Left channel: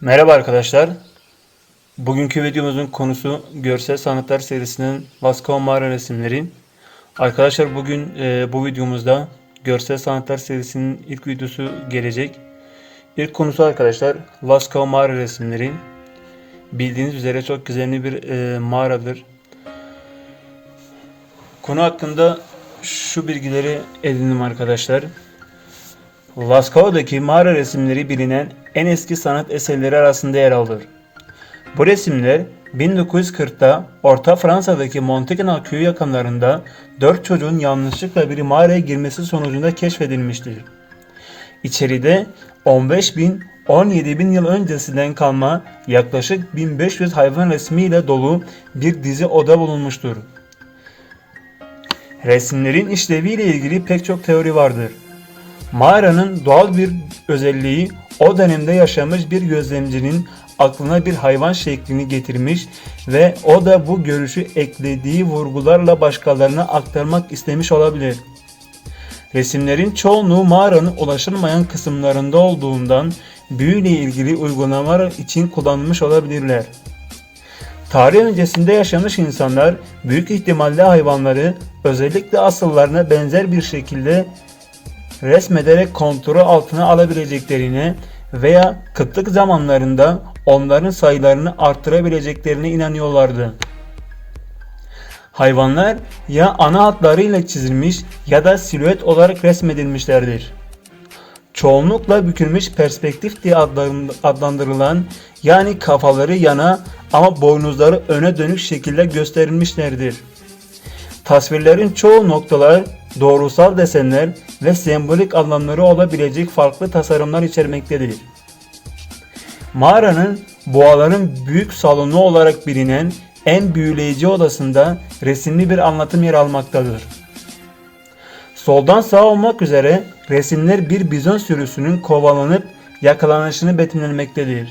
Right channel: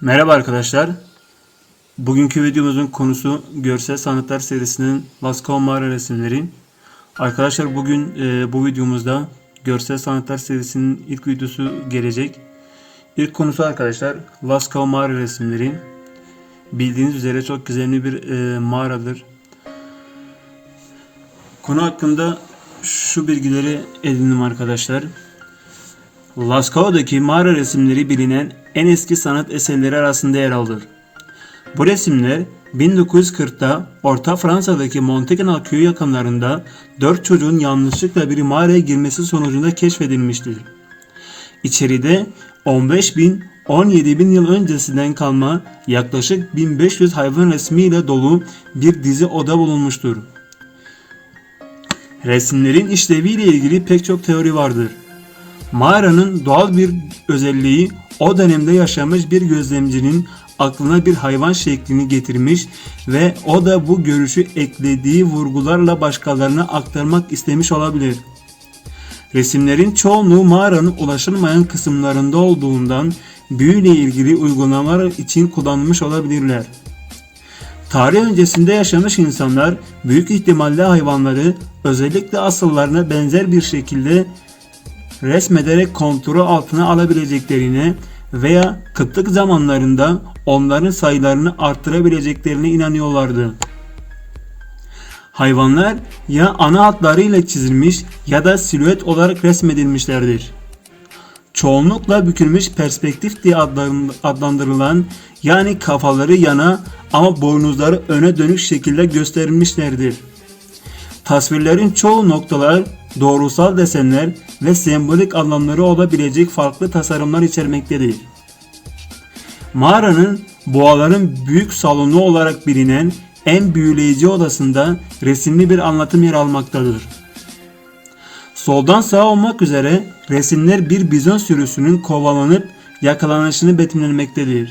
Merhaba arkadaşlar. Bugünkü videomuzun konusu görsel sanatlar serisinin Lascaux mağara resimleri. Arkadaşlar bugün e, bu videomuzda görsel sanatlar serisinin ilk videosu gelecek. İlk konusu arkadaşlar Lascaux mağara resimleri. Bildiğiniz üzere çok gizemli bir e, mağaradır. Konu hakkında şu bilgileri edindim arkadaşlar. Lascao'daki mağara resimleri bilinen en eski sanat eserleri arasında yer alır. Bu resimler 1940'ta Orta Fransa'daki Montegnal köyü yakınlarında 4 çocuğun yanlışlıkla bir mağaraya girmesi sonucunda keşfedilmiştir. İçeride 15 bin 17 bin yıl öncesinden kalma yaklaşık 1500 hayvan resmiyle dolu bir dizi oda bulunmuştur. Resimlerin işleviyle ilgili pek çok teori vardır. Mağaranın doğal bir özelliği o dönemde yaşamış bir gözlemcinin aklına bir hayvan şeklini getirmiş ve o da bu görüşü eklediği vurgularla başkalarına aktarmak istemiş olabilir. Resimlerin çoğunluğu mağaranın ulaşılmayan kısımlarında olduğundan büyüyle ilgili uygulamalar için kullanılmış olabilirler. Tarih öncesinde yaşamış insanlar büyük ihtimalle hayvanları özellikle asıllarına benzer bir şekilde resmederek kontrol altına alabileceklerine veya kıtlık zamanlarında onların sayılarını arttırabileceklerine inanıyorlardı. Hayvanlar ya ana hatlarıyla çizilmiş ya da silüet olarak resmedilmişlerdir. Çoğunlukla bükülmüş perspektif diye adlandırılan yani kafaları yana ama boynuzları öne dönük şekilde gösterilmişlerdir. Tasvirlerin çoğu noktalar, doğrusal desenler ve sembolik anlamları olabilecek farklı tasarımlar içermektedir. Mağaranın boğaların büyük salonu olarak bilinen en büyüleyici odasında resimli bir anlatım yer almaktadır. Soldan sağa olmak üzere resimler bir bizon sürüsünün kovalanıp yakalanışını betimlemektedir.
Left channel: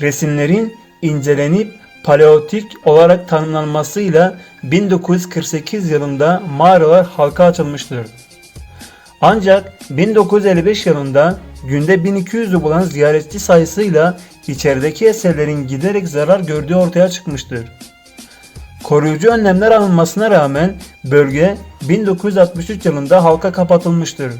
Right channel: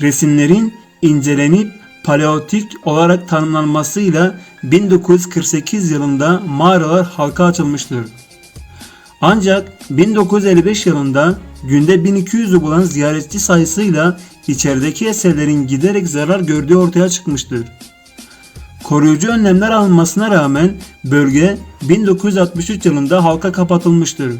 Resimlerin incelenip paleolitik olarak tanımlanmasıyla 1948 yılında mağaralar halka açılmıştır. Ancak 1955 yılında günde 1200'ü bulan ziyaretçi sayısıyla içerideki eserlerin giderek zarar gördüğü ortaya çıkmıştır. Koruyucu önlemler alınmasına rağmen bölge 1963 yılında halka kapatılmıştır.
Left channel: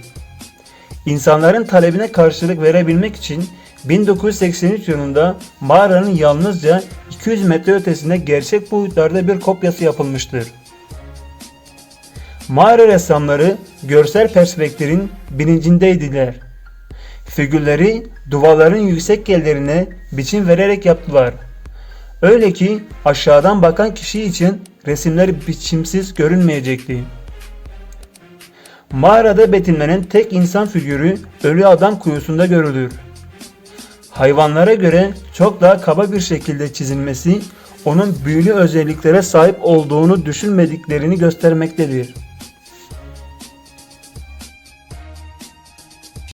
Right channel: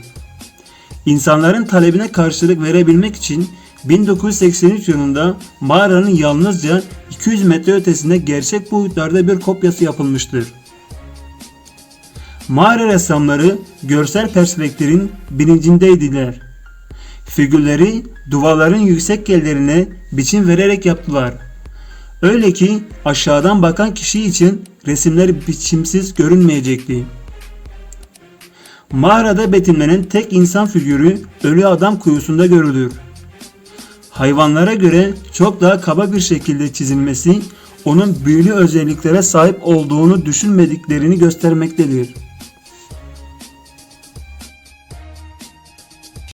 İnsanların talebine karşılık verebilmek için 1983 yılında mağaranın yalnızca 200 metre ötesinde gerçek boyutlarda bir kopyası yapılmıştır. Mağara ressamları görsel perspektifin bilincindeydiler. Figürleri duvarların yüksek yerlerine biçim vererek yaptılar. Öyle ki aşağıdan bakan kişi için resimler biçimsiz görünmeyecekti. Mağarada betimlenen tek insan figürü ölü adam kuyusunda görülür. Hayvanlara göre çok daha kaba bir şekilde çizilmesi onun büyülü özelliklere sahip olduğunu düşünmediklerini göstermektedir.